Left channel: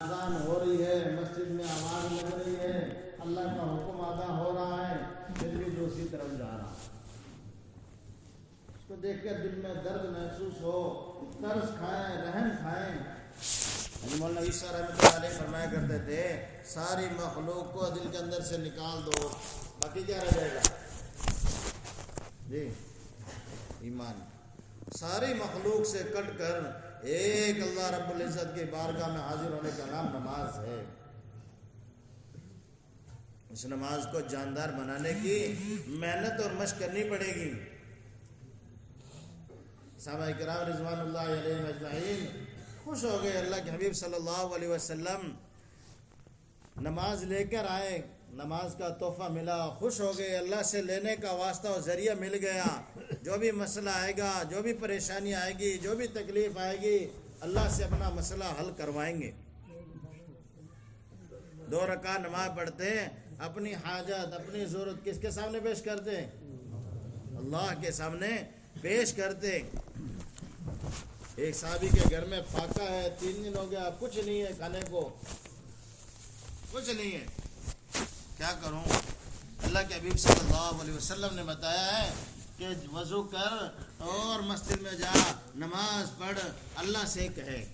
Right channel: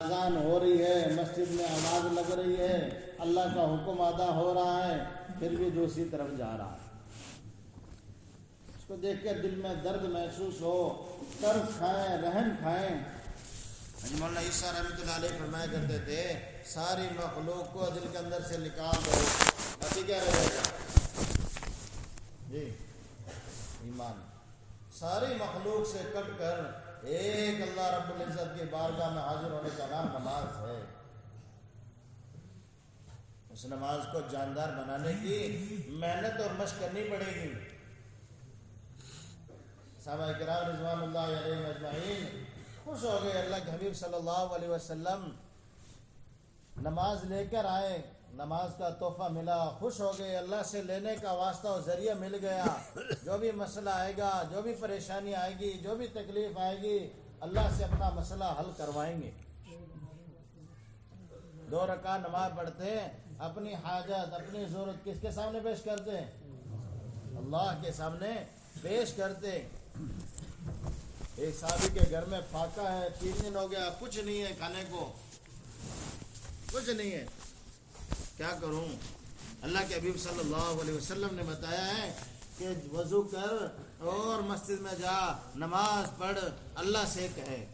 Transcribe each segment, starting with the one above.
اذان ہو رہی ہے، مسجد میں آواز لگ رہی ہے، اللہ کا حکم ادا ہو رہا ہے، پھر بھی دوسری طرف جا رہا ہے۔ اس کو دیکھ کر دل میں درد محسوس ہو، ترس کھائیں، رحم کھائیں۔ مولانا عیسیٰ رحمۃ اللہ علیہ فرمایا کرتے تھے ساری مخلوق کو دل کے اندر سے نکال دو، باقی کیا رہ جائے گا؟ جی ایمان۔ ساری مخلوق سے کٹ کر ایک اللہ رب العزت کی بارگاہ میں حاضر ہونے کا نام نماز ہے۔ اس نماز کو جاندار بنانے کی محنت اور مشق کرنی پڑے گی۔ صحابہ کرام رضوان اللہ علیہم اجمعین خوش ہو گئے، اللہ کے حبیب صلی اللہ علیہ وسلم نماز لے کر آئے، نماز کا تحفہ ملا، خوش ہو گئے، اللہ سے لینے کا واسطہ و ذریعہ مل گیا۔ جو بھی مسئلہ آئے گا، جو بھی پریشانی آئے گی، جو بھی تکلیف آئے گی، اللہ سے اپنا مسئلہ حل کروائیں گے۔ 2 رکعت نماز پڑھتے ہیں، اپنی حاجت، اپنی ضرورت کس کے سامنے پیش کرتے ہیں؟ اللہ کے سامنے پیش کرتے۔ ایک صحابی کے گھر میں فاقہ ہے، 3 دن ہو گیا، کچھ نہیں ہے کھانے کو، کچھ نہیں ہے، کیا کروں؟ اللہ کے حبیب صلی اللہ علیہ وسلم نے بتایا ہے کہ وضو کر اور مسجد میں جا، نماز پڑھ، اللہ سے کہے۔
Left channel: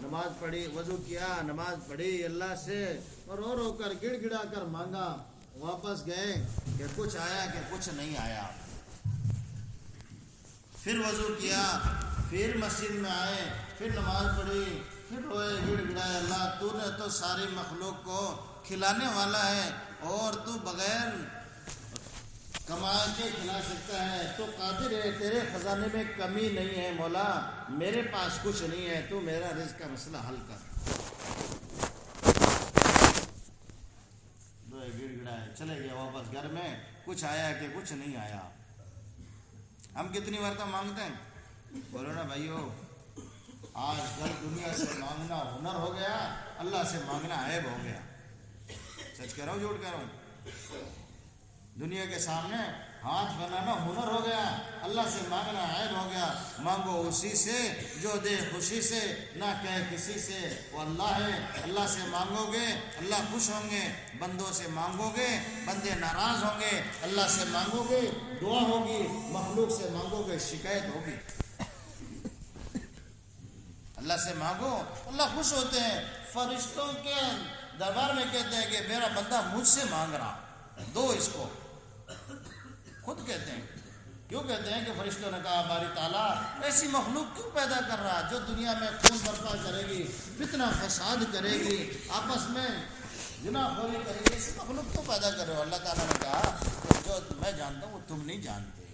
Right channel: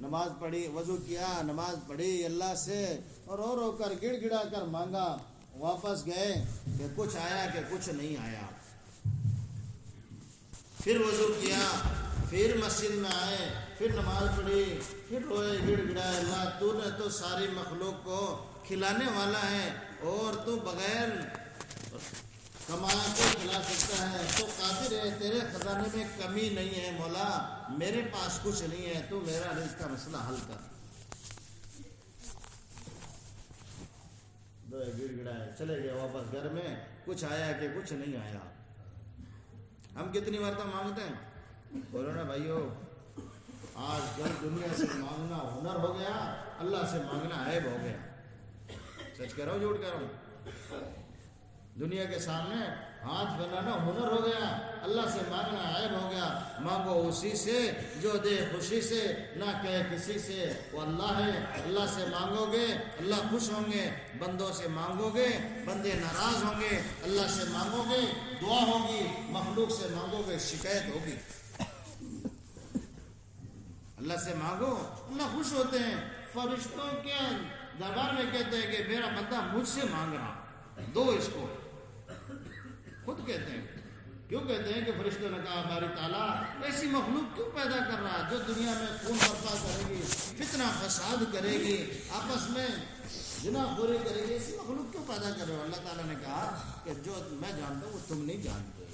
نماز پڑھی، وضو کیا، نماز پڑھی، اللہ سے اور رو کر گڑ گڑا کر مانگا، واپس گئے کہ کچھ آیا کہ کچھ نہیں آیا۔ پھر وضو کیا، پھر مسجد میں آئے، پھر نماز پڑھی، پھر روئے، گڑ گڑائے، اللہ تو نے تو ساری مخلوق کو کھلانے والا ہے اور تو بغیر کمائے کے کھلا سکتا ہے، تو قادر ہے، تیرے خزانے میں کمی نہیں ہے مولا، میرے پاس کچھ نہیں ہے، تو میرا رزق کا مسئلہ حل کر۔ گڑ گڑائے، چلے گئے واپس گھر میں، کچھ آیا کہ کچھ نہیں آیا۔ ہم کتنی مرتبہ مانگتے ہیں؟ بولو نا بھائیو، آج کل دنیا سے مانگنا ہنر ہو گیا، اللہ سے مانگنا عیب ہو گیا۔ سچ کہہ رہا ہوں جھوٹ کہہ رہا ہوں؟ دنیا کے سامنے ہاتھ پھیلانا ہنر ہو گیا، اللہ سے مانگنا عیب ہو گیا۔ مانگو اسی سے جو دے خوشی سے، نہ کہے کسی سے، وہ اللہ ہے۔ اللہ سے مانگو گے اللہ خوش ہوں گے، بندوں سے مانگو گے بندے ناراض ہوں گے۔ اللہ سے مانگو گے دعا ہوگی، مخلوق سے مانگو گے شکایت ہوگی۔ اللہ سے مانگو اللہ خوش ہوتے ہیں۔ فرشتوں کے دربار میں کہتے ہیں کہ میرا بندہ مجھ سے مانگ رہا، دو اس کو، خود کہتے ہیں۔ کیوں کہتے ہیں کہ فرشتوں نے کہا باری تعالیٰ ایسی مخلوق کیوں پیدا کر رہا جو دنیا میں خون برپا کرے گی، فتنہ فساد کرے گی، آپس میں گناہ خوری کرے گی، ایسی مخلوق کیوں پیدا کر رہے ہو؟ اللہ تعالیٰ نے کہا کہ جو میں جانتا ہوں وہ تم نہیں جانتے،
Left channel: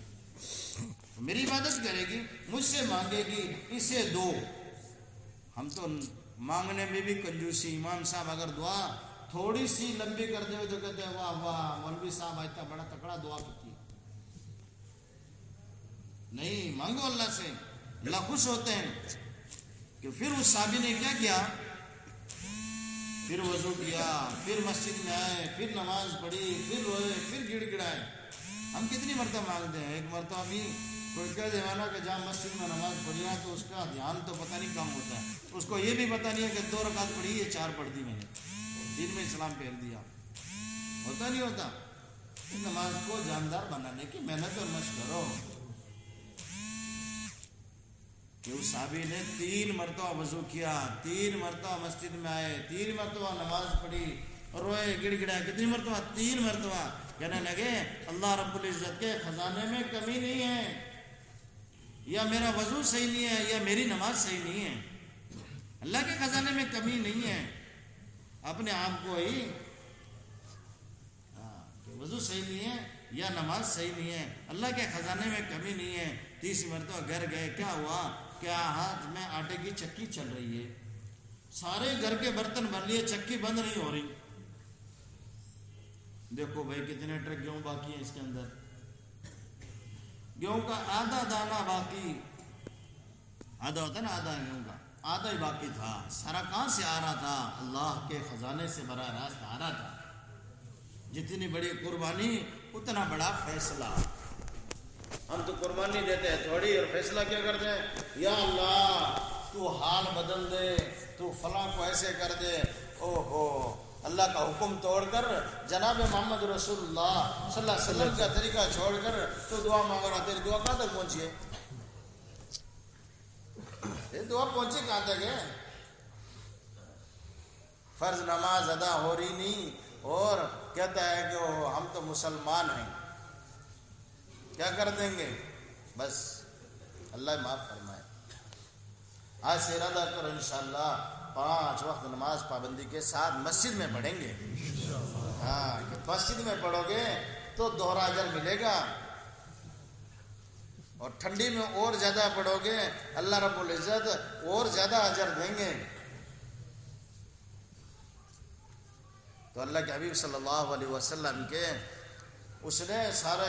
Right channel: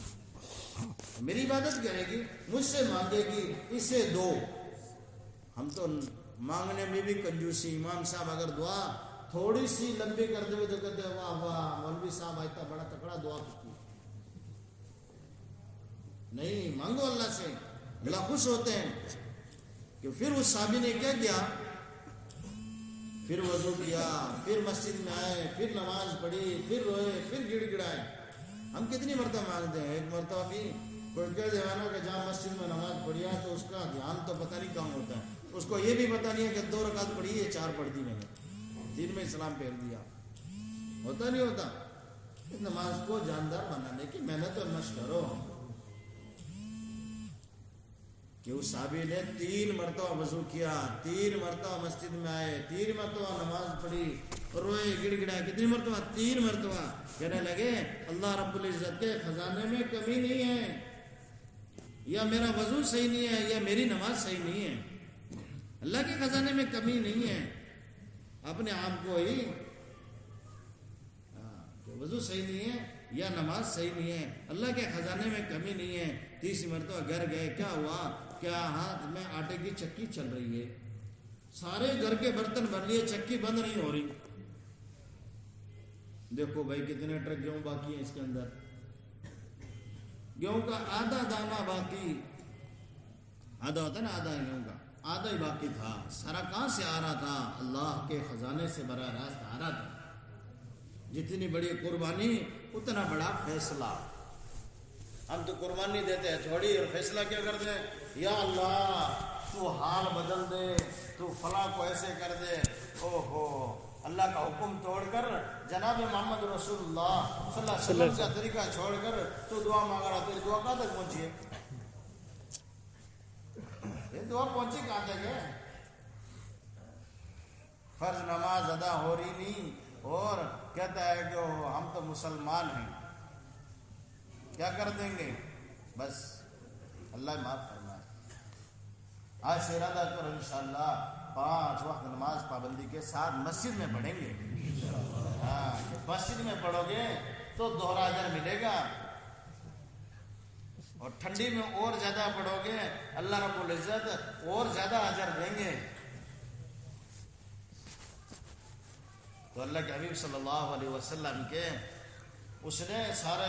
میری عبادت کرے گی، مجھ سے مانگے گی، اسے دو۔ ہم تو مانگنے میں بھی کنجوسی، امام صاحب اگر دعا تھوڑی سی لمبی کر دے تو کہتے ہیں واہ واہ مولوی صاحب اتنا بڑا تکڑا دعا کرتی۔ نہیں، مانگو اللہ سے، اللہ خوش ہوتے ہیں۔ کہ پھر اس صحابی نے کیا کیا؟ پھر وضو کیا، پھر مسجد میں آئے، پھر نماز پڑھی، پھر روئے، پھر گڑ گڑائے۔ ہم کتنی مرتبہ مانگتے ہیں؟ ایک مرتبہ بھی کوئی کہہ دیوانا کہ جہاں مسجد میں نماز پڑھی ہے تو اس کا دھیان تو پتہ نہیں کہاں ہوتا ہے، اس کو یہ بھی پتہ نہیں ہے کہ 2 رکعت پڑھی ہے 4 پڑھ دی میں نے، دین میں اسلام پھیر دیا، ہوتا نہیں ہوتا۔ اس نماز کو جاندار بنانے کی محنت اور مشق کرو۔ کہ اس صحابی نے 3 مرتبہ وضو کیا، 3 مرتبہ مسجد میں آئے، 3 مرتبہ نماز پڑھی اور روئے گڑ گڑائے۔ کتنی مرتبہ؟ 3 مرتبہ۔ کہنے لگے اللہ رب العزت کے خزانے میں کمی نہیں ہے، یا میرا وضو صحیح نہیں ہے، یا میری نماز صحیح نہیں ہے۔ اللہ کے خزانے میں کمی نہیں ہے، اپنے آپ کو ہی وضو صحیح نہیں ہے یا نماز صحیح نہیں ہے، اللہ کے خزانے میں کمی نہیں ہے۔ 30 مرتبہ گھر گئے، کیا ہوا؟ کیا ہاتھ میں آٹے کی چکی چل رہی ہے، سارے گھر کے برتن بن لیے، چکی بند نہیں ہو رہی۔ دیکھو بھائی کتنے ٹرک گیہوں باقی ہیں اس کے اندر، گیہوں کا آدھا دانہ باقی، آدھا ہوتا نا آدھا گیہوں کا، آدھا ہی باقی تھا۔ سارا کہاں سے آ رہا تھا؟ اللہ کے خزانے سے براہ راست آ رہا تھا۔ جتنی بڑی قربانی اتنا بڑا فیصلہ۔ ہم تو قربانی دیتے ہیں تھوڑی اور فیصلہ کیا کرتے ہیں؟ یا اللہ تو حال بدل دے، تو فلاں کو ایسے کر دے. او ہو، اللہ کا حکم توڑ کر جناب محمد رسول اللہ صلی اللہ علیہ وسلم کا طریقہ چھوڑ کر تو دعا مانگ رہا. تیری دعا کہاں تک پہنچی ہے؟ یہ دعا پہنچی کہاں تک ہے؟ فرض نماز ادا ہو رہی نہیں اور کہتا ہے کہ ہم تو مسلمان ہیں. کیا کر دیں گے؟ بس اللہ معاف فرمائے. آج سے ارادہ کرو انشاءاللہ 5 وقت نماز پابندی کے ساتھ مسجد میں پڑھیں گے. ہاں، مسجد میں پڑھو گے تو دوہرا اجر ملے گا، اور ٹھنڈی میں اور زیادہ پڑھو گے اللہ رب العزت اور زیادہ اجر دیں گے. تو اللہ کے حبیب صلی اللہ علیہ وسلم کے اس نے سارا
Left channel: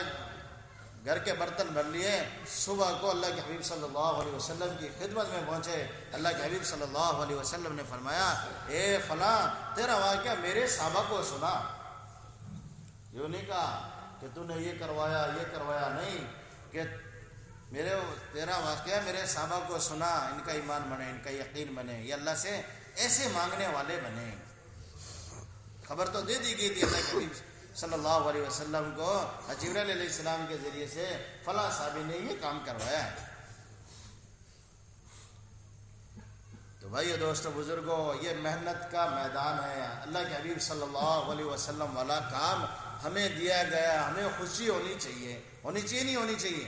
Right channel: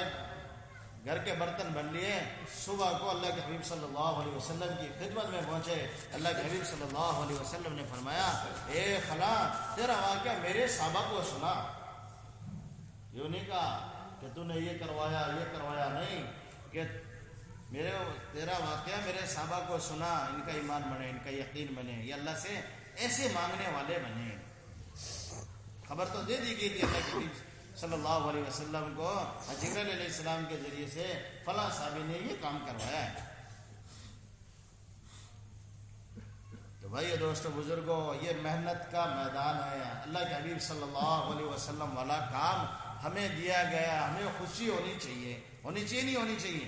گھر کے برتن بھر لیے. صبح کو اللہ کے حبیب صلی اللہ علیہ وسلم کی خدمت میں پہنچے. اللہ کے حبیب صلی اللہ علیہ وسلم نے فرمایا، اے فلاں تیرا واقعہ میرے صحابہ کو سنا. یوں نہیں کہا کہ تو نے یہ کروایا نہیں، کہ تیرا واقعہ میرے صحابہ کو سنا، ان کا ایمان بنے، ان کا یقین بنے، یہ اللہ سے ایسے مانگنے والے بنے. خبر تو دے دی گئی تھی اللہ کے حبیب صلی اللہ علیہ وسلم کو جبرائیل علیہ السلام کے ذریعے سے، فلاں صحابی نے یہ کام کروایا ہے. تو بھائی دوستو بزرگوں، یہ محنت کا میدان ہے. اللہ کے حبیب صلی اللہ علیہ وسلم والا کام ہمیں دیا گیا، ہمیں خوشی ہونی چاہیے. ہونی چاہیے نہیں ہونی چاہیے؟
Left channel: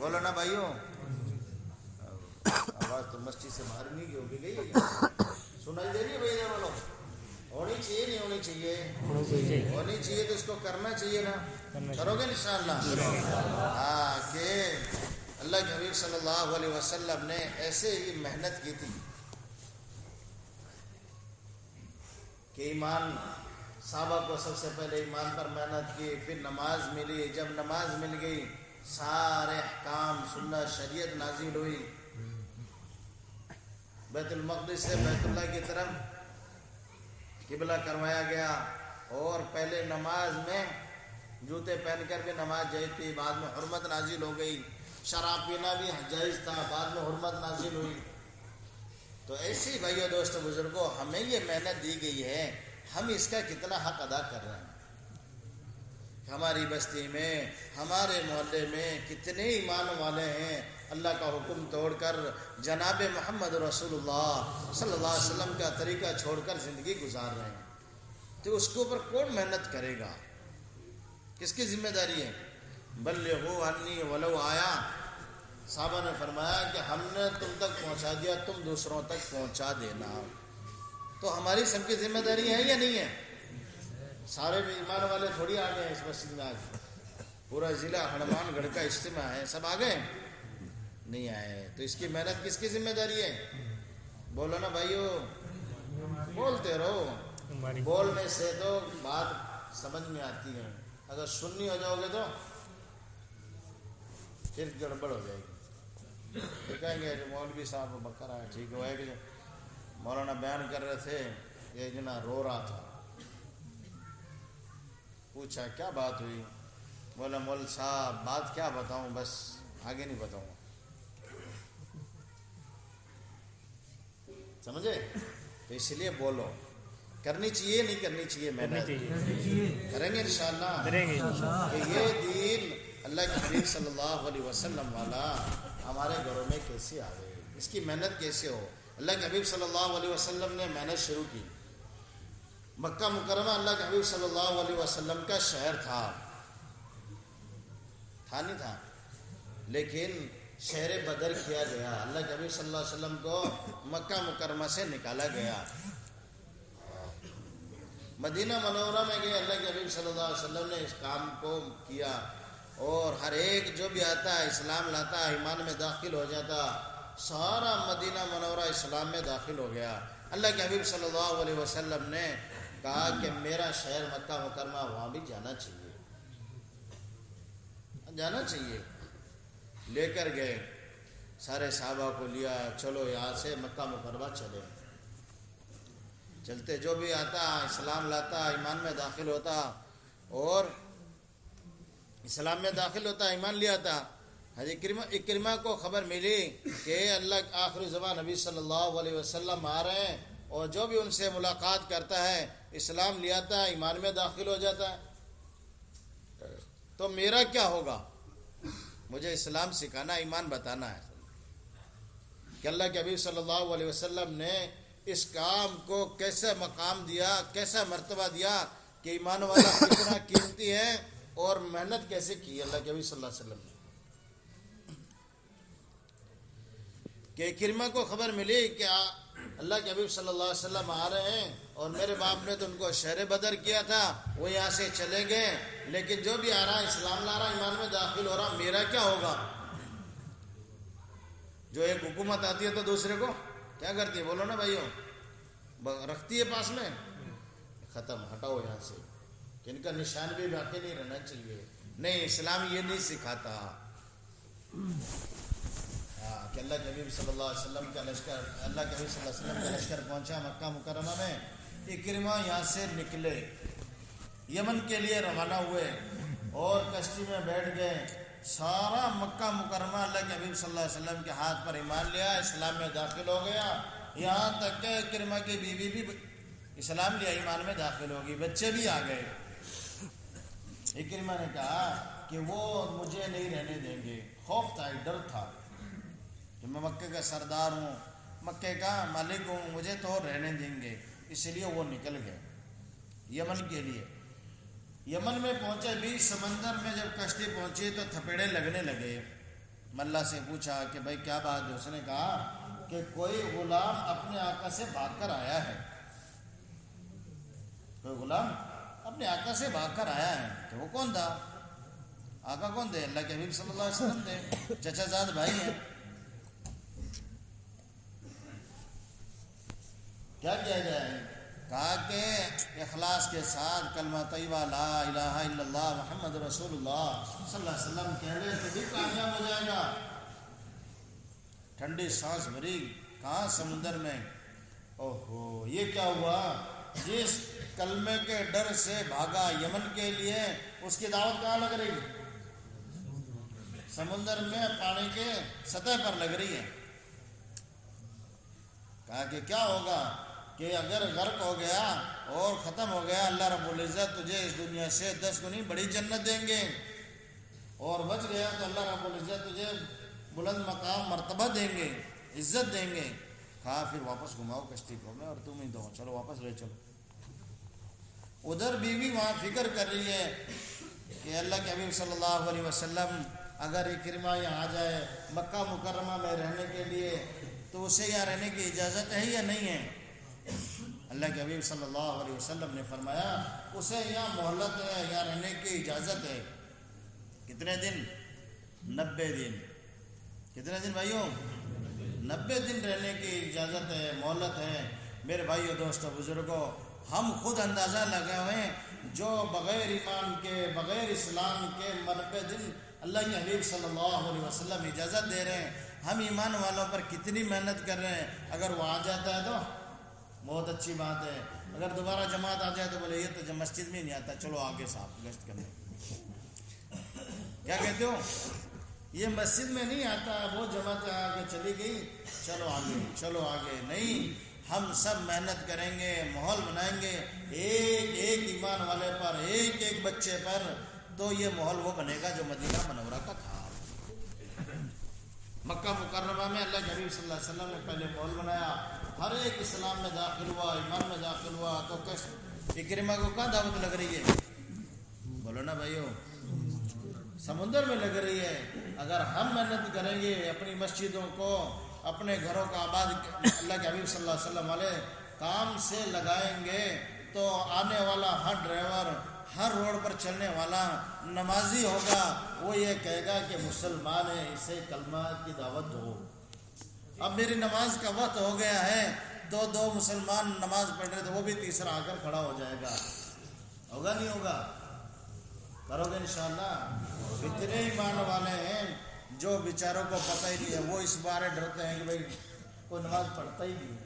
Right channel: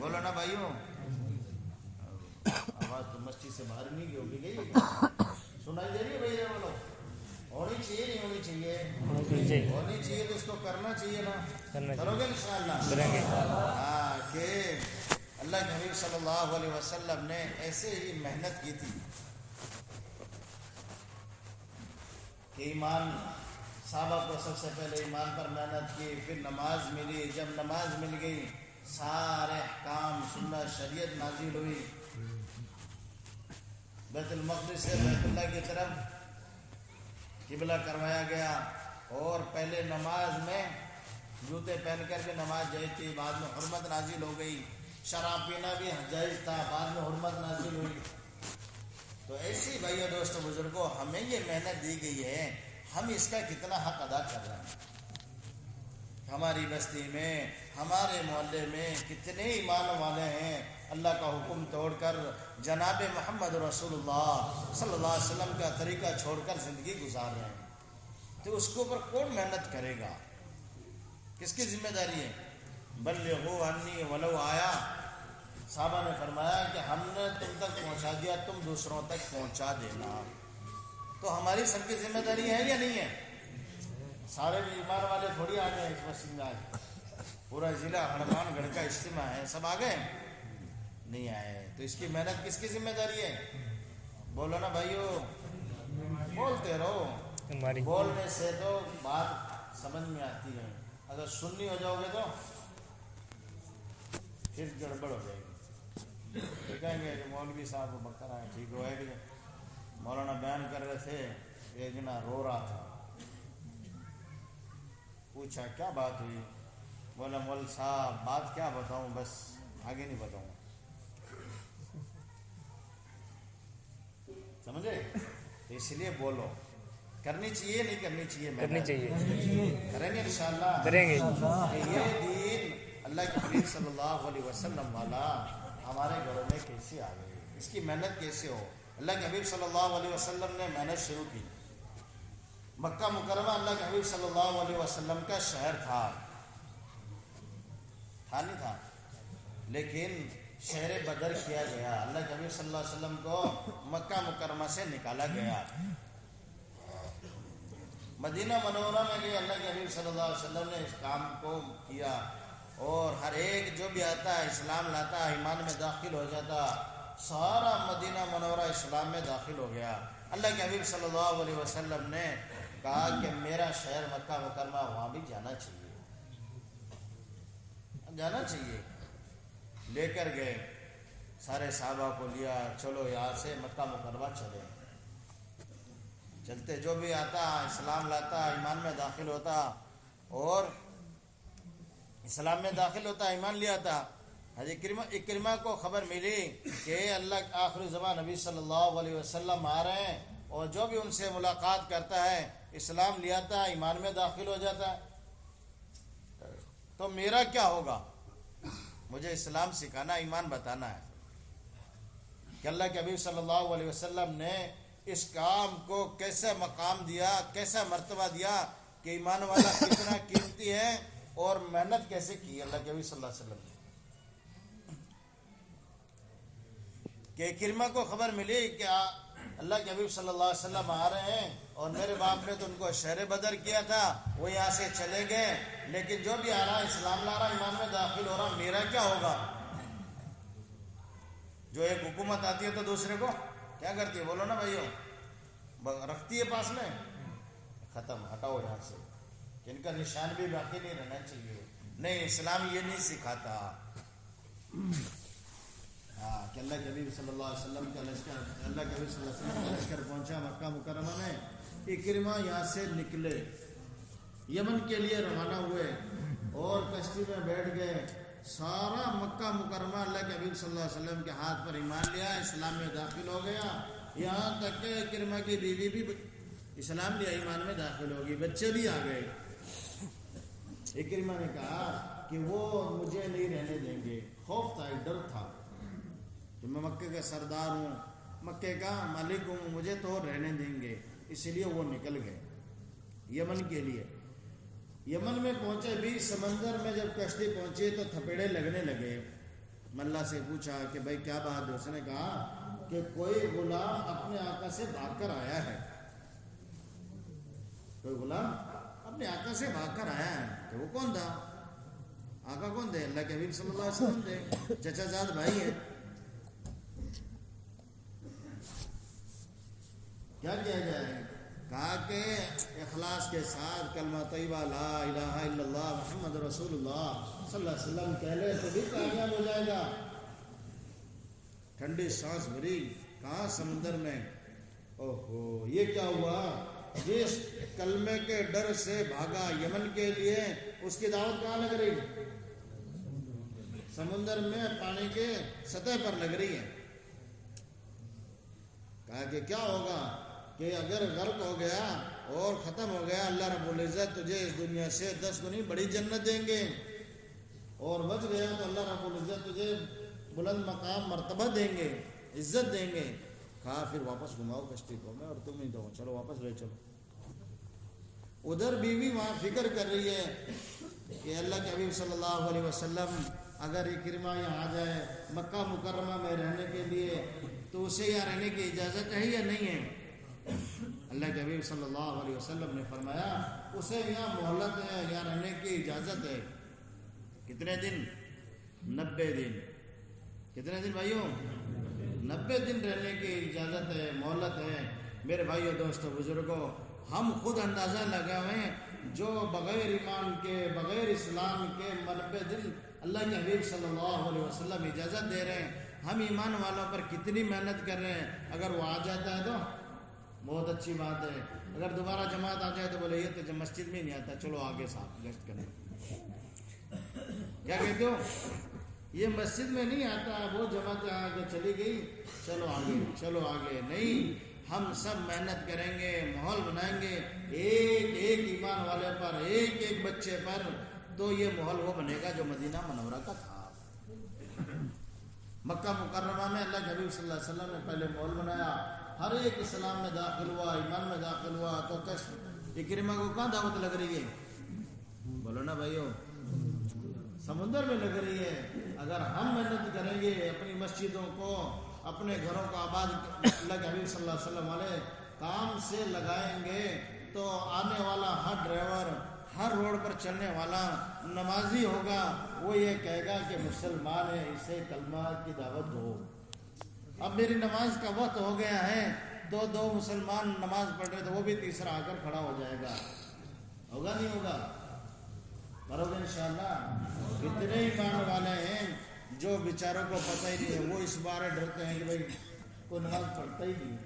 بولو نا بھائیو. آواز تو مسجد سے باہر نہیں گئی، سنائی دے رہی ہے بھائی؟ بولو ہونی چاہیے نہیں ہونی چاہیے؟ ہونی چاہیے. تو اس کو کرنا چاہیے نا، کرو گے انشاءاللہ؟ ہاں، کہ اللہ کے حبیب صلی اللہ علیہ وسلم نے ایسے ہی محنت کی تھی کہ ایمان، صحابہ کو سب سے پہلے ایمان پر محنت کی، پھر نماز ملی. جب نماز مل گئی سارے احکام سنت شریعت نازل ہوئی. بیت المقدس سے بیت اللہ کی طرف قبلہ کروایا گیا، اور پہلے نماز میں جوتے پہن کر بھی نماز جائز تھی، بعد میں حرمت نازل ہو گئی. شراب پینا بھی جائز تھا، بعد میں حرمت نازل ہوئی. تو ایسی بھائیو دوستو بزرگوں، ہمیں یہ محنت دی گئی ہے، ہم اس کا کتنا حق ادا کر رہے ہیں. ہماری بستی میں، ہمارے محلے میں کتنے ایمان والے ہیں اللہ کا حکم توڑ کر جناب محمد رسول اللہ صلی اللہ علیہ وسلم کا طریقہ چھوڑ کر زندگی گزار رہے ہیں. تو اس کے اوپر کون محنت کرے گا؟ کس کی ذمہ داری ہے؟ بلغوا عنی ولو آیا. صحابہ نے فرمایا کہ ہم نے تم تک پہنچا دیا، تم دوسروں تک پہنچا دینا. تو ہماری سب کی ذمہ داری ہے یا نہیں ہے؟ سارے ایمان والے تھوڑی آ گئے اس مسجد میں. آج پورا ضلع ہنومان گڑھ کا اجتماع ہے، سب آ گئے نہیں آئے. تو اس کی محنت کس کی ذمہ داری ہے؟ بولو نا بھائیو، بولتے رہو. بولنے سے تو بات سمجھ میں آتی ہے، اگر سننی ہو جاؤ گے تو پھر گڑبڑ ہو جائے گی. کہیں گے جو مولوی صاحب بکر ہے ٹھیک ہوا ہے. کہ مولانا بیان کر رہے تھے، ایک جنا رو رہا تھا. پوچھا کیا بات ہوئی؟ بولا مول صاحب بات کیا بتاؤں، بس آگے نہیں بتاؤں. سمجھے؟ تو اس لیے بولو. کرنی چاہیے نہیں کرنی چاہیے؟ کرنی چاہیے. کریں گے انشاءاللہ، کریں گے کہ یہ دین اللہ کے حبیب صلی اللہ علیہ وسلم والا ہمارے گھروں میں کیسے آئے، اس کی محنت کیسے ہو. اللہ کے حبیب صلی اللہ علیہ وسلم نے محنت شروع کی. مکہ مکرمہ اللہ کے حبیب صلی اللہ علیہ وسلم کا شہر تھا نہیں تھا، لیکن شہر بدر کیا گیا. اللہ کے حبیب صلی اللہ علیہ وسلم کو مکہ مکرمہ سے نکالا گیا، مدینہ منورہ میں گئے. اللہ کے حبیب صلی اللہ علیہ وسلم نے اس کام کو کیا، اور ہر ایک جو بھی آتا ہے اسلام لاتا ہے، ایمان میں داخل ہو جاتا. سارا مدینہ منورہ اسلام میں داخل ہو گیا. اللہ کے حبیب صلی اللہ علیہ وسلم نے کہا کہ میرا شہر مکہ مکرمہ، وہاں بھی جانا چاہیے. لے کر گئے، سارے صحابہ کو لیا، چلو یہاں سے مکہ مکرمہ چلے. چلتے جو بھی آتا اسلام لاتا، ایمان میں داخل ہوتا، اور اسلام میں داخل ہوتا، ایمان لے آتا، حضرت اکرمہ کو خبر ملی کہ اللہ آخری زمان نبی صلی اللہ علیہ وسلم آ رہے ہیں، اور جو بھی ان سے ملاقات کرتا ہے اسلام لے آتا ہے، ایمان میں داخل ہو جاتا ہے، تو میرا کیا ہوگا؟ مجھے اسلام سکھانا، ایمان بتانا ہے کہ اللہ کے حبیب صلی اللہ علیہ وسلم نے اس کام کو کیسا مقام دیا، کیسا مرتبہ دیا کہ ایمان والا کتنا قیمتی ہے، اور محنت کیسے کی اللہ کے حبیب صلی اللہ علیہ وسلم نے۔ کہ کرمہ کو خبر ملی کہ اللہ کے حبیب صلی اللہ علیہ وسلم آ رہے ہیں، اور میرے باپ نے تم کو شہر بدر کیا تھا، وہ یہاں سے چلے گئے، لیکن جو بھی آ رہا ہے اسلام لا رہا، ایمان میں داخل ہو رہا، میرا کیا ہوگا؟ جو ایک حکومت آتی ہے تو دوسرے کو کیا کرتی ہے؟ بولو نا بھائیو، رکھتی ہے پاس میں، ختم، ہٹاؤ یہاں سے، ان کا نشان بھی باقی نہیں رہنا چاہیے۔ نہیں، اسلام یہ نہیں سکھاتا۔ کہ اللہ کے حبیب صلی اللہ علیہ وسلم کا لشکر، اللہ کے حبیب صلی اللہ علیہ وسلم کا لشکر پہنچا مکہ مکرمہ میں، اکرمہ یہاں سے نکلے، یمن کے لیے روانہ ہوئے، اور کشتی میں بیٹھ گئے۔ سارا مکہ مکرمہ اللہ کے حبیب صلی اللہ علیہ وسلم کے ہاتھ پر ایمان لیا، اسلام میں داخل ہو گیا، یہاں تک کہ اکرمہ کی بیوی بھی اسلام لیا، ایمان میں داخل ہوگی، بچے بھی آ گئے۔ اکرمہ نے کہا کہ وہ مجھے نہیں رہنے دیں گے، خوف تھا، ڈر تھا کہ میں مکے کا سردار ہوں، مکے کا مالک ہوں، مجھے تو رہنے دیں گے، اس لیے وہ نکل گئے یمن کے لیے۔ یمن میں پہنچے بھی، سمندر میں جب کشتی پہنچی تو تھپیڑے لگنے لگے۔ ملا سے پوچھا کہ بھائی کیا بات ہے؟ اس نے کہا کہ کوئی غلام اپنے آقا سے بھاگ کر آیا ہے، کوئی غلام اپنے آقا سے بھاگ کر آیا ہے۔ تو وہ کون تھا؟ آقا کون تھے؟ اللہ کے حبیب صلی اللہ علیہ وسلم تھے، چچا زاد بھائی ہیں۔ کیا کیا جائے؟ کہا کہ اخلاص کے ساتھ کلمہ طیبہ لا الہ الا اللہ محمد رسول اللہ صلی اللہ علیہ وسلم کہہ لے تو بھی کامیاب ہو جائے گا۔ ٹھنڈی سانس بھری، کہاں؟ سمندر میں۔ اوہو، یہ کیا ہوا؟ جس کلمے کے ڈر سے بھاگا یمن کے لیے، اس کی دعوت کہاں لگ رہی؟ سمندر میں، پانی کے سطح پر لگ رہی ہے۔ کہا کہ کیا ہوگا کہ اگر غرق ہو گیا اور ختم ہو گیا، اللہ رب العزت تجھے اس دنیا سے 10 گنی بڑی جنت دیں گے، اور بچ گیا تو اللہ رب العزت تجھے بلند مقام مرتبہ دیں گے، عزت دیں گے۔ کہا پھر واپس گھماؤ کشتی کو، میں اور تم ہی دو، چلو واپس لے چلو۔ ادھر بیوی وہاں فکر کر رہی ہے کہ اللہ کے حبیب صلی اللہ علیہ وسلم اگر اکرمہ یہاں آ جائے مکہ مکرمہ میں رہنے کے لیے تو اسے یہاں رہنے کی اجازت ہے یا نہیں ہے؟ اللہ کے حبیب صلی اللہ علیہ وسلم نے فرمایا اسے یہاں مہلت ہے، یہاں رہنے کی اجازت ہے۔ کتنے دن؟ 90 دن۔ کتنے دن بھائیوں؟ 90 دن رہنے کی اجازت ہے، مہلت ہے۔ میرے بھائیوں، دوستوں، بزرگوں، ہم خود اندازہ لگائے ہوئے جو بغیر ایمان کے، بغیر اسلام کے 90 دن اللہ کے حبیب صلی اللہ علیہ وسلم اجازت دے رہے ہیں، ہم ایمان والوں پر کتنی محنت کر رہے ہیں۔ اگر وہ آ جاتا ہے تو بہت اچھی بات ہے، اگر دوبارہ جماعت آ جائے تو بولے یہ تو مسجد میں نہیں آتا، چلو آگے صاحب گشت کرنے۔ کیا کہتے ہو؟ یہ مسجد میں نہیں آتا، وہ جماعت آگے چلی گئی، چلو آگے، چلو آگے۔ نہیں، ہم سب محنت کریں گے، ماحول بنائیں گے ایک ایک ایمان والے پر، ایک ایک بچے پر، تو یہ ماحول وہ بنے گا جو مدینہ منورہ کا تھا۔ مکہ مکرمہ میں اللہ کے حبیب صلی اللہ علیہ وسلم نے پہلے ماحول بنایا، ہر ایک اسلام میں داخل ہوا، ایمان میں داخل ہوا۔ تو اکرمہ کو کہاں دعوت لگ رہی ہے؟ بولو نا بھائیو، سمندر میں لگ رہی ہے۔ اگر ہم محنت کریں گے، اپنی مسجدوں کو، اپنے گھروں کا آباد اللہ کے حبیب صلی اللہ علیہ وسلم والے کام سے لگائیں گے، تو آنے والا ہر ڈرائیور، ہر روڈ پر چلنے والا نمازی ہوگا، وہ یہ کہے گا کہ مسلمان ہے، اسے کلمہ کی دعوت دو۔ اب میری نماز کا وقت ہو گیا ہے، دو مسلمان نماز پڑھ رہے تھے، وہ بھی تیسرا آ کر کھڑا ہو جائے گا۔ ہوگا نہیں ہوگا؟ کرو گے انشاءاللہ۔ اتنے ایمان والے ہیں جو بیچاروں کو پتہ ہی نہیں ہے، وہ اس بارے ڈرتے ہیں کہ بھائی کوئی نماز پڑھتا ہی نہیں۔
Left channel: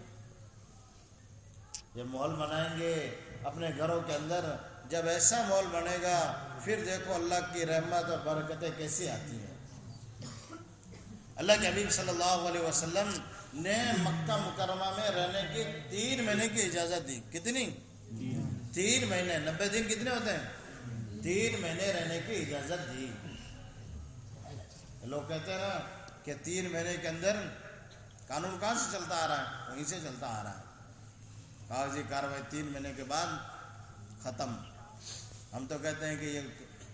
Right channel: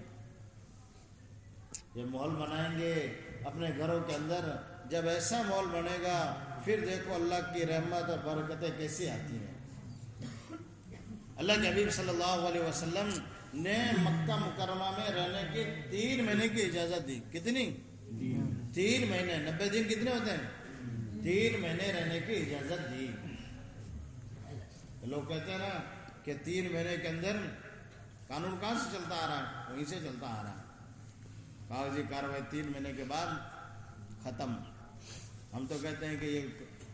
یہ ماحول بنائیں گے اپنے گھروں کے اندر، جب ایسا ماحول بنے گا پھر دیکھو اللہ کی رحمت اور برکتیں کیسی آتی ہیں۔ اللہ کے حبیب صلی اللہ علیہ وسلم نے مکہ مکرمہ میں رہنے کی 3 مہینے کی اجازت دی. کتنی؟ 3 مہینے. 90 دن کتنے ہوتے ہیں؟ 3 مہینے رہنے کی اجازت دی. لوگ کہتے ہیں نا کہ 3 مہینے کے اندر قانون کہاں سے چلتا آ رہا ہے؟ وہیں سے چلتا آ رہا ہے. کاغذی کاروائی 3 مہینے کے بعد ختم. ہم تو کہتے ہیں کہ یہ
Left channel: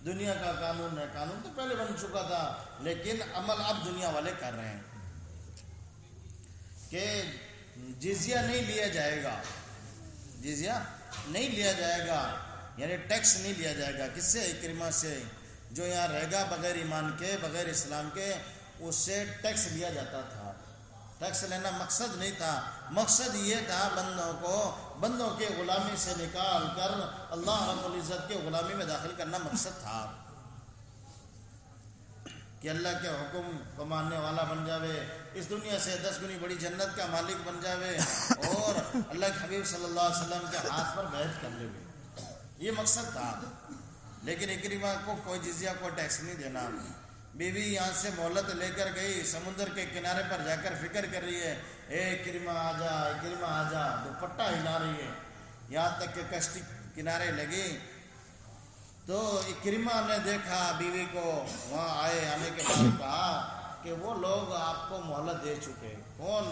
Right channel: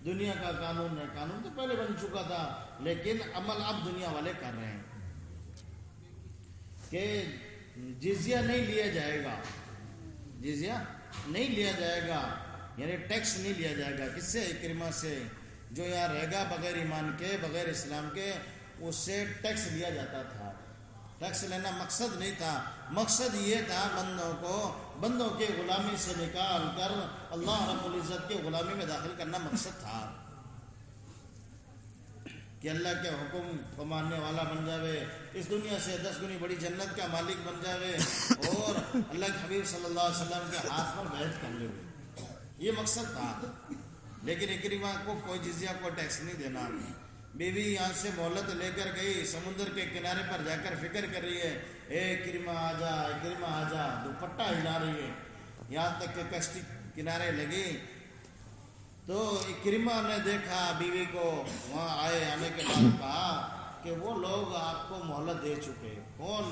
دنیا کا قانون ہے. قانون تو پہلے بن چکا تھا لیکن عمل اب دنیا والے کر رہے ہیں کہ جزیہ نہیں لیا جائے گا. جزیہ نہیں لیا جائے گا یعنی ٹیکس نہیں لیا جائے گا. کس سے؟ اکرمہ سے. جو یہاں رہے گا بغیر ایمان کے بغیر اسلام کے اس سے ٹیکس لیا جاتا تھا. ٹیکس لینا مقصد نہیں تھا. مقصد یہ تھا بندوں کے غلامی سے نکال کر اللہ رب العزت کے غلامی میں داخل کرنا مقصد تھا کہ اللہ کے حکم کو ماننے والا بن جاوے, اس دنیا سے 10 گنی بڑی جنت کا مالک بن جاوے اور اللہ کے حبیب صلی اللہ علیہ وسلم کے ہاتھ پر بیعت کر لے. یہ مقصد تھا. لیکن اکرمہ کو کوئی جزیہ کو ٹیکس نہیں دینا. بیوی یہاں سے مہلت لے کر گئی, سمندر کے کنارے پر جا کر فکر کر رہی ہے, اے اکرمہ آ جا, اکرمہ آ جا, دوپٹہ ہلا رہی ہے. یہاں تک کہ کشتی کنارے لگی تو اکرمہ نے دیکھا بیوی کو, وہاں آنے کے بعد کہا کہ وہ لوگ آپ کو مہلت دے چکے. کون؟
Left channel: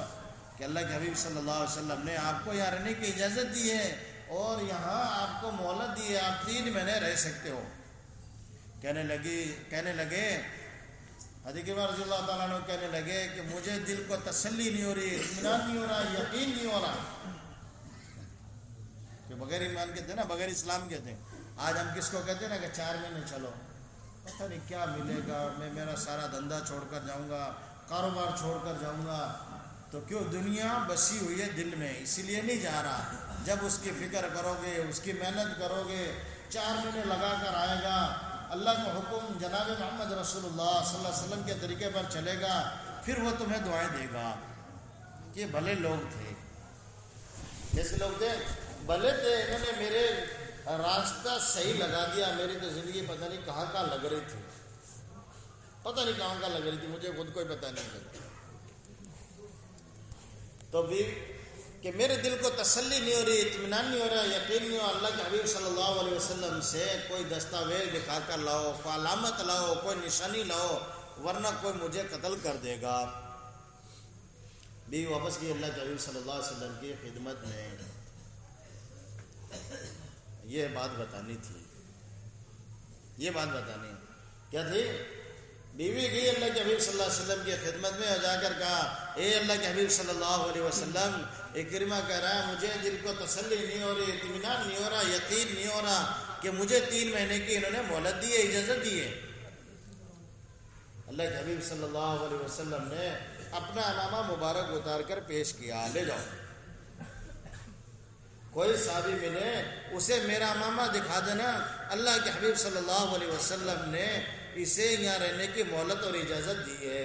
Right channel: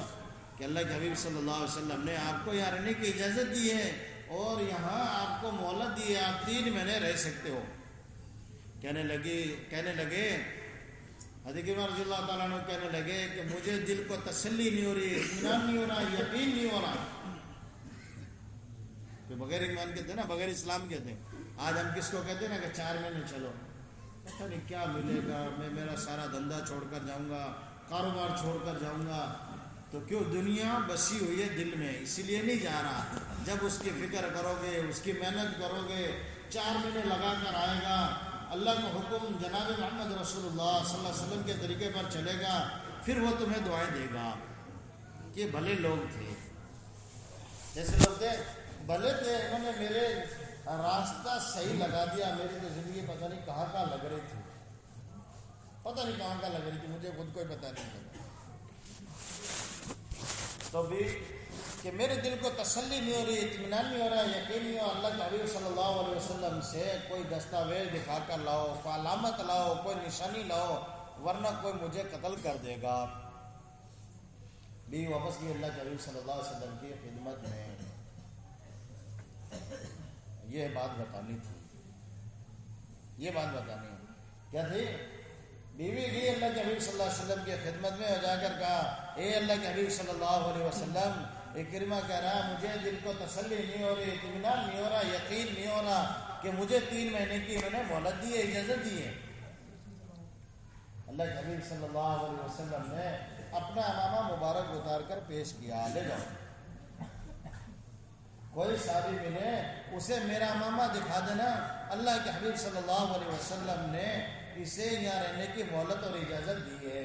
کہ اللہ کے حبیب صلی اللہ علیہ وسلم نے آپ کو یہاں رہنے کی اجازت دی ہے اور یہاں آپ کو مہلت دی ہے, آپ 3 مہینے رہ سکتے ہو. کہنے لگے حضرت عمر رضی اللہ تعالیٰ عنہ کہنے لگے کہ مجھے دل کو تسلی نہیں ہو رہی, اطمینان نہیں ہو رہا, یقین نہیں ہو رہا. کہ بغیر ایمان کہتے ہیں نا, بغیر اسلام کہتے ہیں. آج ہم کس کو کہتے ہیں نا کہ 4 مہینے چلو, پتہ نہیں کیا ملے گا, میں میرا سارا دھندا چھوڑ کر جاؤں گا, کاروبار چھوڑ کر جاؤں گا. تو کیوں؟ دنیا بسی ہوئی ہے دل میں, اسی لیے نہیں جا رہا. جب اس کی فکر کرو گے, اس کی محنت کرو گے, 4 مہینے لگا کر آئے گا, اللہ کا حکم جناب محمد رسول اللہ صلی اللہ علیہ وسلم کے طریقے پر چلے گا, پھر وہ تمہیں دعائیں دے گا. یہ بھلے لوگ تھے. جیسے لوگ تھے بھلے تھے, انہوں نے میرے راستہ صحیح لگا دیا. میری تو زندگی پتہ نہیں کہاں کہاں لگ رہی تھی, پتہ نہیں کہاں کہاں لگ رہی تھی, مجھے خود کوئی پتہ نہیں چلا. تو بھی کہ میرے دل کو تسلی نہیں ہو رہی, اطمینان نہیں ہو رہا, یقین نہیں ہو. اللہ کے حبیب صلی اللہ علیہ وسلم سے کوئی دستاویز دکھا کر لاؤ, کوئی علامت لاؤ, کوئی نشانی لاؤ, ورنہ کوئی مجھے قتل کر دے گا. بیوی واپس کی اللہ کے حبیب صلی اللہ علیہ وسلم کی خدمت میں. یہ بات بتانی تھی, یہ بات بتانی کیا تھی؟ بیوی گئی اللہ کے حبیب صلی اللہ علیہ وسلم کی خدمت میں, جا کر کہا, اے اللہ کے حبیب صلی اللہ علیہ وسلم, اکرمہ کہہ رہا ہے مجھے دل کو تسلی نہیں ہو رہی, اطمینان نہیں ہو رہا, یقین نہیں ہو رہا کہ مجھے 3 مہینے کی انہوں نے مہلت دی ہے, اجازت دی ہے. اللہ کے حبیب صلی اللہ علیہ وسلم نے اپنا امامہ مبارک اتار کر پیش کیا, لے جاؤ. کوئی صحابی ملے اسے میرا امامہ دکھا دینا, اللہ کے حبیب صلی اللہ علیہ وسلم نے اسے یہاں رہنے کی مہلت اور اجازت دی ہے.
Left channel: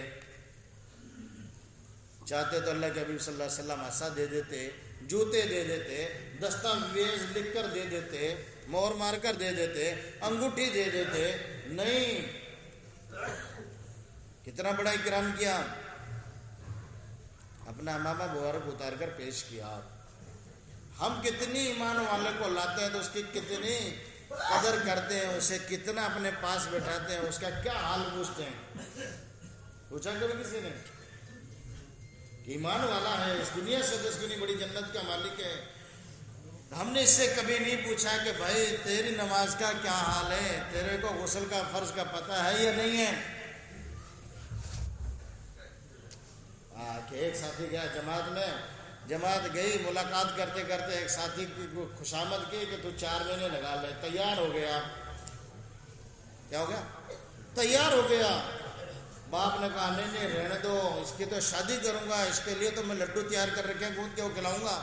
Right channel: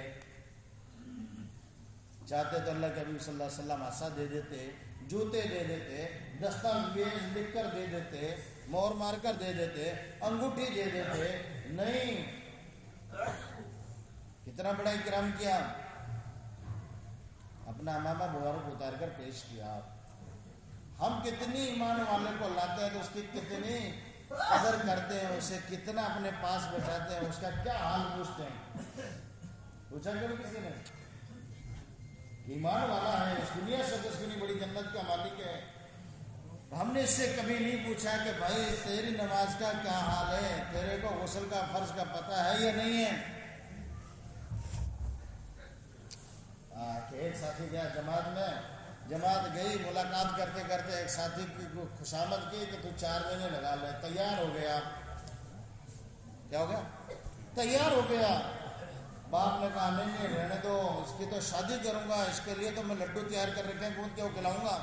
چاہتے تو اللہ کے حبیب صلی اللہ علیہ وسلم عصا دے دیتے, جوتے دے دیتے, دستاویز لکھ کر دے دیتے, مور مار کر دے دیتے, انگوٹھی دے دیتے. نہیں, کتنا بڑا اکرام کیا, اپنا امامہ مبارک اتار کر پیش کیا. ہم کتنی ایمان والے کو لاتے ہیں تو اس کی کتنی قدر کرتے ہیں, اسے کتنا اپنے پاس بٹھاتے ہیں, اس کا کیا حال پوچھتے ہیں. پوچھا کبھی کسی نے؟ ایمان والا ہے, اس دنیا سے 10 گنی بڑی جنت کا مالک ہے. ہم نے اس سے کبھی نہیں پوچھا کہ بھائی تیری نماز کا کیا حال ہے, تیرے کو غسل کا فرض کا پتہ ہے یا نہیں ہے. کہ ایک ساتھی گیا جماعت میں, جماعت گئی, ملاقات کرتے کرتے ایک ساتھی کو خوشامد کی کہ تو 4 مہینے لگا لے. تیار ہو گیا. کیا ہو گیا؟ تیار ہو گیا. باپ نے کہا نہیں رہنے دو, اس کی تو شادی کروں گا, اس کے لیے تو میں لڈو تیار کر رکھے ہیں, گوندھ کے وہ کھلاؤں گا.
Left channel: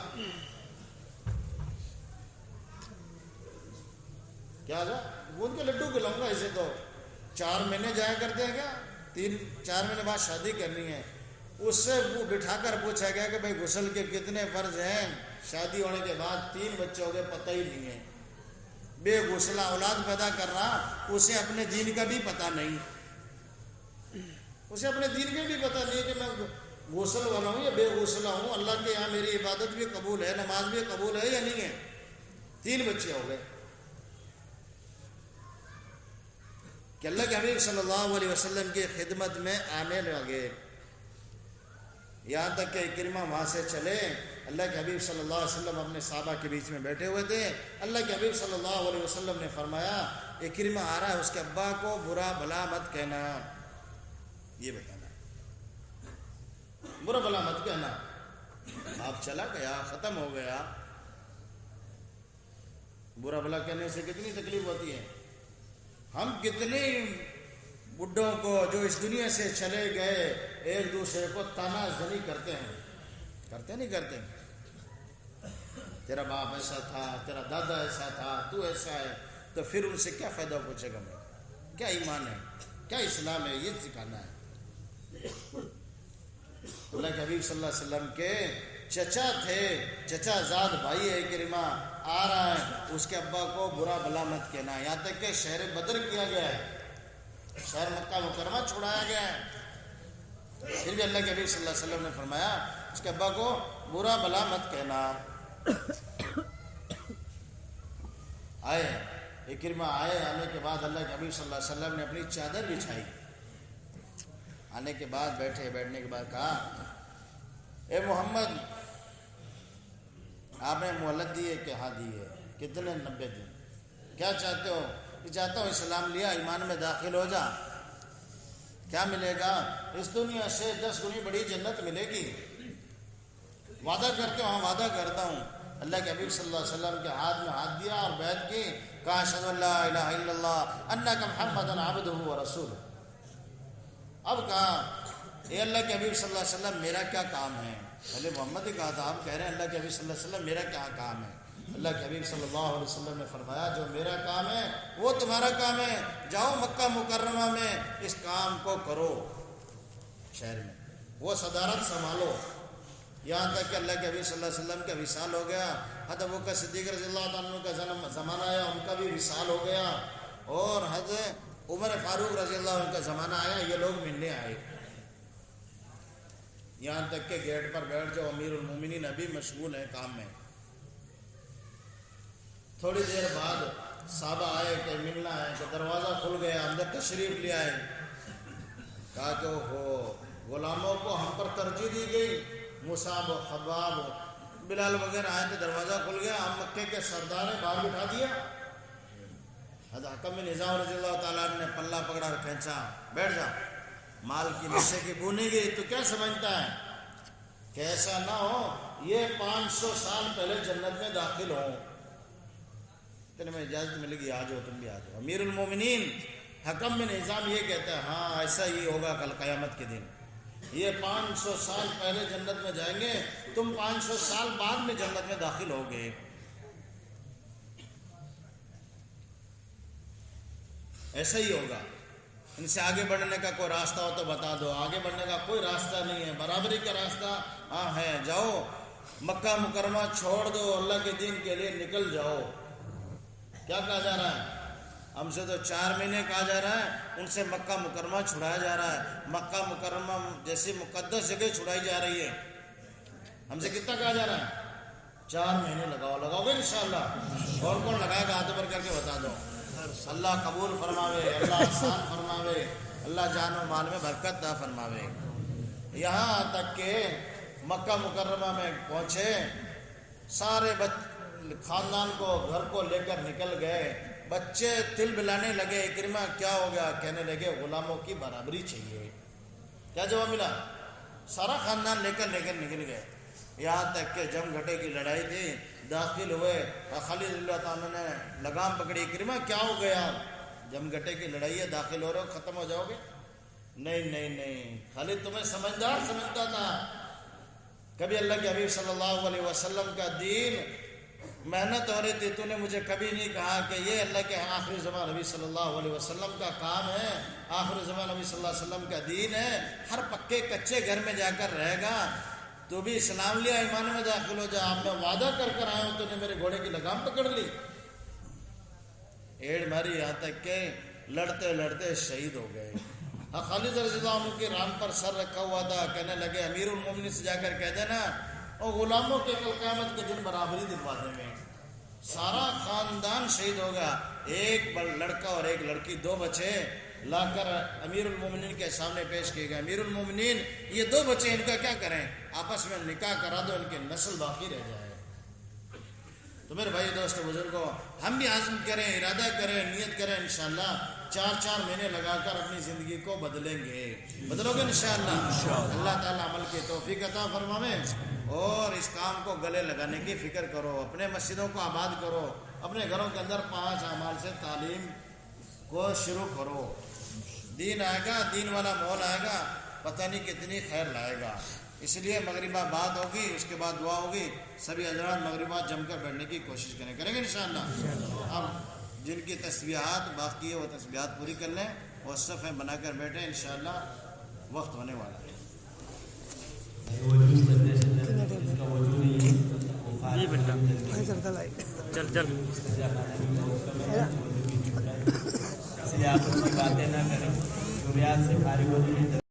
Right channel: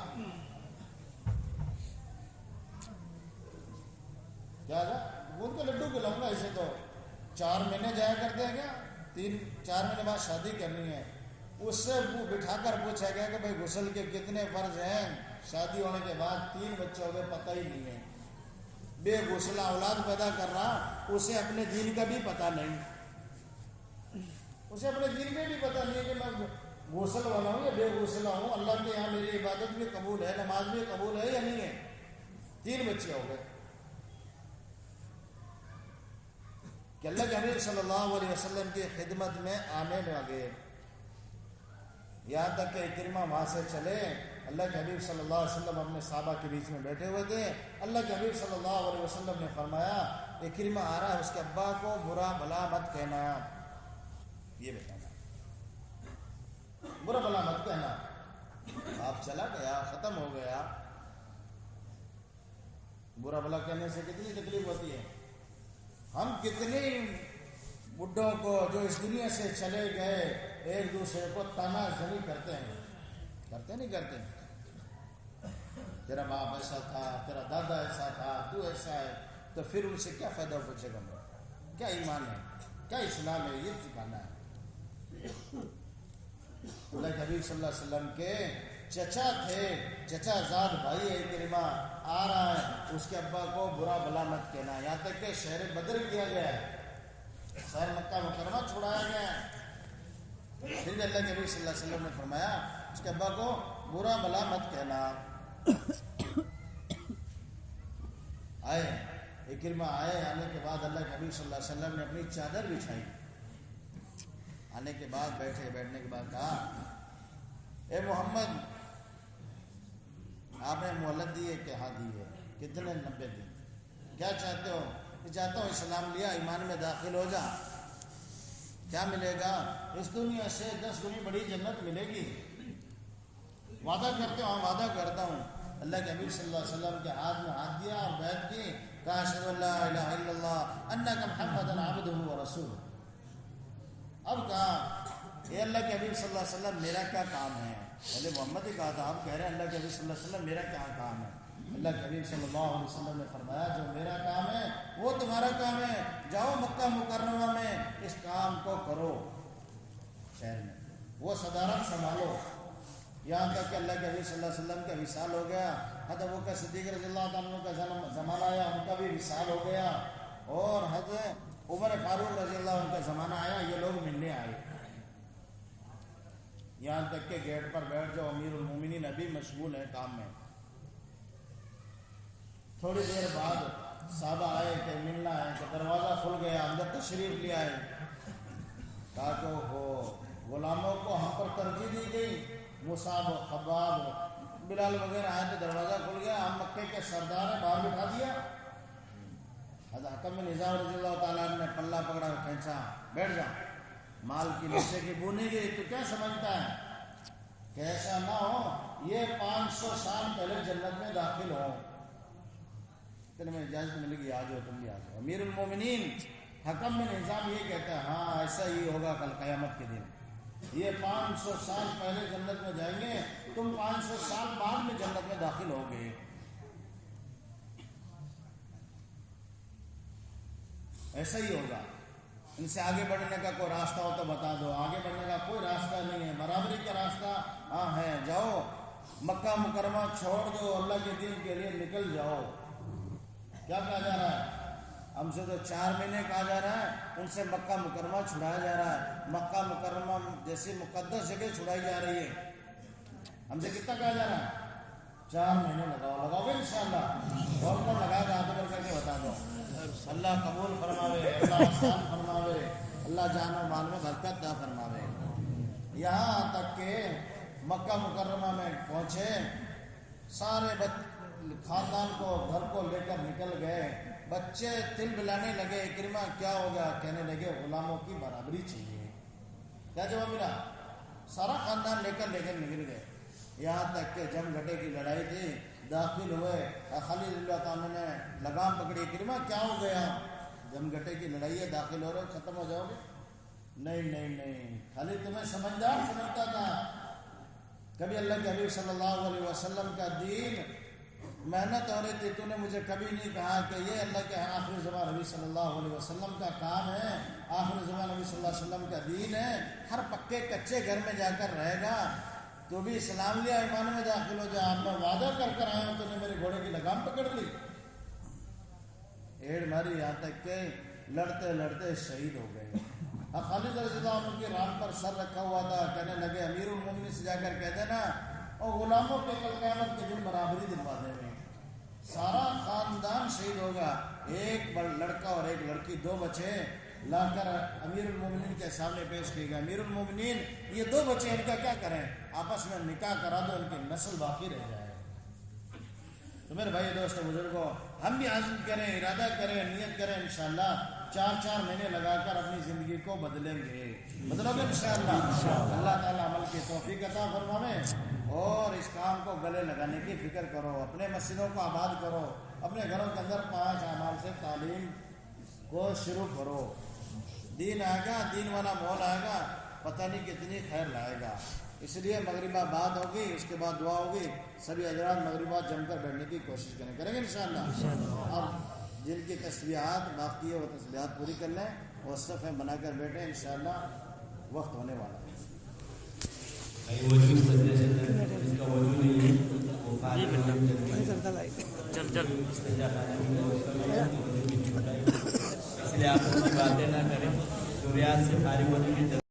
کیا گوندھ کے لڈو کھلاؤں گا اسے. تو 4 مہینے جایا کرتے ہیں کیا, 3-4 مہینے بعد شادی کرنی ہے. اس سے وہ بٹھا کر پوچھا گیا کہ بھائی غسل کے کتنے فرض ہیں. شادی ہونے کے بعد 3 بچے ہو گئے, پتہ ہی نہیں ہے. بے غسلہ اولاد پیدا کرنا اسے اپنے دین کا بھی پتہ نہیں. اسے اپنے دین میں بھی پتہ نہیں ہے کہ میں غسل والا ہوں یا بے غسلہ ہوں، اللہ کے یہاں میری عبادت بھی قبول ہے، نماز بھی قبول ہے یا نہیں ہے۔ 3 بچے ہو گئے کہ اللہ کے حبیب صلی اللہ علیہ وسلم کی خدمت میں آنے لگے، یہاں تک کہ اکرمہ وہاں سے چلے۔ اللہ کے حبیب صلی اللہ علیہ وسلم اپنے صحابہ کے بیچ میں بیٹھے ہوئے تھے، اللہ کے حبیب صلی اللہ علیہ وسلم نے فرمایا اکرمہ آ رہا ہے، اس کے ابا کو برا بھلا مت کہنا، یہ بتانا، برا بھلا مت کہنا۔ آپ چلا گیا، ختم ہو گیا۔ برا بھلا کہنے سے کتنی تکلیف ہوتی ہے۔ ہم کتنے بڈھوں کو جو اس دنیا سے چلے گئے ایک دوسرے کو تانا زنی کرتے ہیں، کرتے نہیں کرتے؟ تیرا باپ ایسا تھا، تیرا دادا ایسا تھا، تو ایسا ہے، تو پھر ان سے کیا فائدہ پوچھے گا؟ میں کیا ایمان ہے، کیا اسلام ہے، یہ سکھانا ہے۔ اللہ کے حبیب صلی اللہ علیہ وسلم کے چچا تھے، چچا زاد بھائی ہے اکرمہ، آ رہا ہے، اس کے ابا کو برا بھلا مت کہنا، یہاں تک کہ شہر بدر کیا گیا ہے، شہر مکہ مکرمہ چھڑایا گیا ہے، پھر بھی اللہ کے حبیب صلی اللہ علیہ وسلم نے فرمایا اس کے ابا کو برا بھلا مت کہنا۔ آئے اکرمہ آئے، آنے کے بعد اللہ کے حبیب صلی اللہ علیہ وسلم نے اپنی چادر بچھائی، آنے کے بعد بیٹھنے کے بعد کہا اے محمد آپ نے مہلت دی ہے کہ ہاں دی ہے، کتنے؟ 90 دن۔ کیا چاہتے ہو؟ کہ چاہتا ہوں اسلام لیا، ایمان میں داخل ہو جا، کیا ملے گا؟ اس دنیا سے 10 گنی بڑی جنت ملے گی، وعدہ کرتے ہو؟ ہاں وعدہ کرتا ہوں۔ اللہ کے حبیب صلی اللہ علیہ وسلم کے ہاتھ میں ہاتھ دیا اور بیعت کی، کہا اشہد ان لا الہ الا اللہ انک محمد عبدہ ورسولہ۔ اب کہا اے اللہ کے حبیب صلی اللہ علیہ وسلم میرا کیا کام ہے؟ پہلے محمد ہی کہا تھا، آپ کہہ رہے ہیں اللہ کے حبیب صلی اللہ علیہ وسلم میرا کیا کام ہے؟ اللہ کے حبیب صلی اللہ علیہ وسلم نے فرمایا جو میرا کام ہے وہ تمہارا کام ہے، جاؤ مکہ مکرمہ میں اس کام کو کرو، شہر میں وہ صدارت سنبھالو۔ یہاں تک کہ اللہ کے حبیب صلی اللہ علیہ وسلم کا وصال ہو گیا، حضرت ابوبکر صدیق رضی اللہ عنہ کا زمانہ آیا، ان کا بھی وصال ہو گیا، اور حضرت عمر فاروق رضی اللہ عنہ کا زمانہ آیا، یہ لوگ ملنے آئے، یہاں تک کہ گیٹ پر بیٹھ جاؤ، امیر المومنین ابھی مشغول ہیں کام میں۔ تھوڑی دیر بعد صحابہ آئے کہ ملنا ہے، کہ دروازہ کھل گیا، اندر تشریف لے آئے، کہا کہ ہو غلاموں کو ہم پر ترجیح دی گئی، مصعب و خباب بلال وغیرہ آئے تو دروازہ کھل گیا، ہم مکے کے سردار ہیں، باہر بٹھا دیا۔ حضرت حکم بن نظام رضی اللہ تعالیٰ نے پلہ پکڑا اور کھینچا، بیٹھ جا، مال کی نشے کی بو نہیں گئی، تو کیا سمجھتا ہے کہ ایسا نہ ہو یہ 500 سال پہلے جنت میں داخل ہو، کہ میں اجازت ملے گی آ جاؤ، تم بھی آ جاؤ۔ امیر المومنین حکم بن نظام یہ کہتا ہے ہاں ایسا ہی ہوگا کل قیامت کے دن، یہ 500 سال پہلے جنت میں جائیں گے، تم 500 سال بعد میں جنت میں داخل ہوگے۔ ایسا ہی ہوگا، ان سے آگے بڑھنے کا کوئی راستہ ہو تو بتا دو، آگے بڑھنے کا کوئی راستہ نہیں ہے، برابری کا راستہ ہاں ہے، جاؤ مکہ مکرمہ چھوڑ دو، اللہ کے دین کے لیے نکل جاؤ۔ کیا کہا جا رہا ہے؟ ہم سے تو 4 مہینے کہا جا رہا ہے، ان سے مکہ مکرمہ چھڑایا جا رہا ہے، مکہ مکرمہ جیسی مقدس جگہ چھڑائی جا رہی ہے، ہم سے کتنا کہا جا رہا ہے؟ 4 مہینے لگاؤ گے انشاءاللہ۔ کون کون لگائے گا ہاتھ پر کر کے بتا دو۔ اللہ قبول فرماوے، اللہ آسان فرماوے، اللہ جان و مال میں برکت عطا فرماوے۔ یہاں تک کہ مکہ مکرمہ میں پہنچے، سارے خاندان کو گھر کو لے کر نکل گئے، بچے تل بلانے لگے، اکرمہ کیا ہو گیا؟ کہنے لگے غلاموں کی برابری چاہیے۔ کیا جواب ملا؟ سارا خاندان لے کر نکل گئے، یہاں تک کہ جم گھٹے کی لڑائی تھی، داخل ہوئے، خالد اللہ تعالیٰ نے لگام پکڑی، اکرمہ کیا ہو گیا؟ جم گھٹے کی لڑائی ہے، داخل ہو رہے ہو، ختم ہو جاؤ گے؟ نہیں، خالد تمہیں سمجھدار سمجھتا تھا، کبھی اللہ کے حبیب صلی اللہ علیہ وسلم کا دین محنت ہو رہی تھی، تو نے مجھے کبھی نہیں کہا کہ یہ اللہ کے آخری زمان نبی صلی اللہ علیہ وسلم کا کام ہے، آخری زمان نبی صلی اللہ علیہ وسلم کا دین ہے، ہر پکے کچے گھر میں جا کر رہے گا، تو بھی اسلام لیا، ایمان میں داخل ہو جا، آپ میں وعدہ کر آیا ہوں، تو نے میرے گھوڑے کی لگام پکڑ لی، ایڑ ماری، یہاں تک کہ لڑتے لڑتے شہید ہو گئے۔ خالد رضی اللہ عنہ کی ران پر سر رکھا ہوا تھا، کہنے لگے امیر المومنین سے جا کر کہہ دینا اور غلاموں کے کل قیامت کے دن برابری دلوا دیں گے، سارا خاندان شہید ہوگا، ایک لڑکا اور ایک لڑکی، 2 بچے لا کر امیر المومنین کے سامنے پیش کیے گئے، امیر المومنین یہ 2 بچے ان کا کیا کریں، آپس میں نکاح کرا دو، ان کی نسل باقی رہ جائے۔ تو میرے بھائی دوست بزرگوں، ہم بھی عزم کریں، ارادہ کریں، نیت کریں، انشاءاللہ 4 مہینے لگا کر اپنی زندگی کو بدلیں گے، بدلو گے انشاءاللہ۔ اللہ تعالیٰ عمل کی توفیق عطا فرمائے اور اس کام کو گلے لگانے کی فکر کرو، اپنے مسجدوں کو آباد کرو، اپنے گھروں کے اندر 5 اعمال سے تعلیم کو شروع کرو، دین آئے گا، دین والا ماحول آئے گا، پتہ نہیں کتنی خیر لائے گا۔ اس لیے مغربہ بعد ہوگی، اس کے بعد دعا ہوگی، سبھی حضرات مغربات جم کر بیٹھنے کی کوشش کریں گے انشاءاللہ۔ اب جن کی تسبیحات باقی ہے وہ تسبیحات پوری کر لیں، وہ صفیں بنا کر بیٹھیں، انشاءاللہ وقت ہونے والا ہے۔ جی بیٹا چل چل اس لیے آپ باتیں نہ کریں، سے خارج ہوتی